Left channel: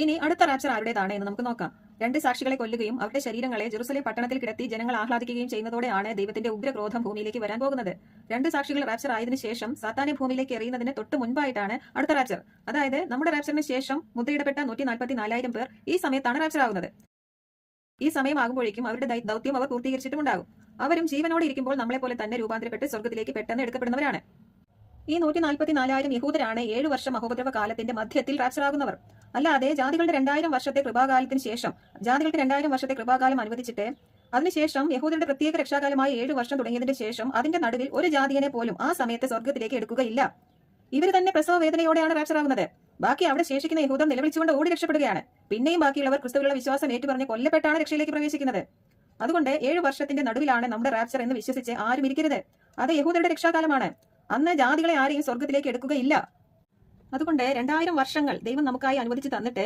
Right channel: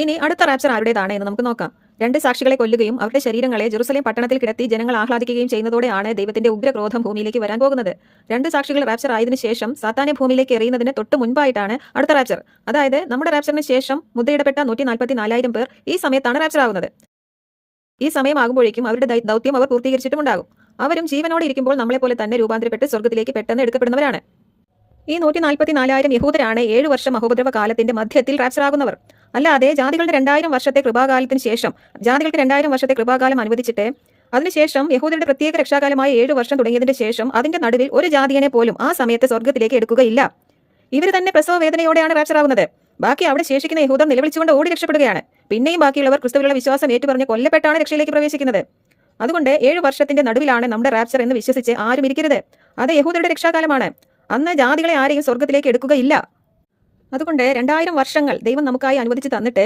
ഇനി അടുത്ത റാപ്ചർ ആരുടേതാണ് എന്ന് നമുക്ക് നോക്കാം. 2 സാക്ഷികളെ കൊല്ലുകയും അവരുടെ ശരീരങ്ങളെ ജെറുസലേം പട്ടണത്തിൽ കിടത്തി ജനങ്ങൾ ആഹ്ലാദിക്കുകയും ചെയ്യുന്നതോടെയാണ് ദൈവത്തിന്റെ ഉഗ്രക്രോധം ഭൂമിയിലേക്ക് വരാൻ പോകുന്നത്. 2 സാക്ഷികൾ റാപ്ചർ ആയതിനു ശേഷം സാത്താനെ ഭൂമിയിലേക്ക് എറിയുന്നതിന് തൊട്ട് മുൻപായിട്ടാണ് അടുത്ത റാപ്ചർ. അതായത് നമ്മുടെ റാപ്ചറിന് ശേഷം മുദ്രയിടപ്പെട്ട 144,000 പേർ ഈ സമയത്താണ് റാപ്ചർ ആവുന്നത്. ഈ സമയമാകുമ്പോഴേക്കും അവരുടെ ദൗത്യം അവർ പൂർത്തീകരിച്ചിട്ടുമുണ്ടാകും. അവരും ജീവനോടെ ഇരിക്കുമ്പോൾ നമ്മളെപ്പോലെ തന്നെ രൂപാന്തരപ്പെട്ട് സ്വർഗ്ഗത്തിലേക്ക് പെട്ടെന്ന് എടുക്കപ്പെടുന്നവരാണ്. ഈ 144,000 യഹൂദരാണ് 7 വർഷം മഹോപദ്രവ കാലത്തിന്റെ മധ്യത്തിൽ റാപ്ചർ ആകുന്നവർ. അല്ലാതെ ജാതികളുടെ 2000 വർഷത്തെ കൃപാകാലത്തിന് ശേഷം ജാതികൾക്ക് 2000 വർഷത്തെ കൃപാകാലം അനുവദിച്ചിട്ട് അതിനുശേഷം യഹൂദരുടെ പ്രത്യേക രക്ഷാകാലമായ 7 വർഷം തുടങ്ങിയതിന്റെ ശേഷം അതിന്റെ നടുവിൽ ഒരു ജാതിയനെ പോലും ആ സമയത്ത് സ്വർഗ്ഗത്തിലേക്ക് എടുക്കുകയില്ല. ഇവർ തന്നെ പ്രസവ വേദനയോടെയാണ് റാപ്ചർ ആകുന്നത്. ബാക്കി അവിടെ ശേഷിക്കുന്ന യഹൂദർ നിലവിളിച്ചുകൊണ്ട് ഓടി രക്ഷപ്പെടുകയാണ്. പിന്നെയും ബാക്കിയുള്ളവർ ക്രിസ്തുവിലുള്ള വിശ്വാസം ഏറ്റുപറഞ്ഞ് കൊല്ലപ്പെട്ടാണ് രക്ഷയിലേക്ക് പ്രവേശിക്കുന്നത്. അതുകൊണ്ട് 7 വർഷത്തിന്റെ നടുവിലാണ് നമ്മുടെ റാപ്ചർ എന്ന് വിശ്വസിച്ച് ആരും ഇരിക്കരുത്. അത് യഹൂദരുടെ രക്ഷാകാലമാണ്. അന്ന് ജാതികളെ ആരെയും സ്വർഗ്ഗത്തിലേക്ക് എടുക്കുകയില്ല. അതുകൊണ്ട് 2000 വർഷങ്ങൾ ദൈവം നമുക്കായി അനുവദിച്ച് തന്നിട്ട്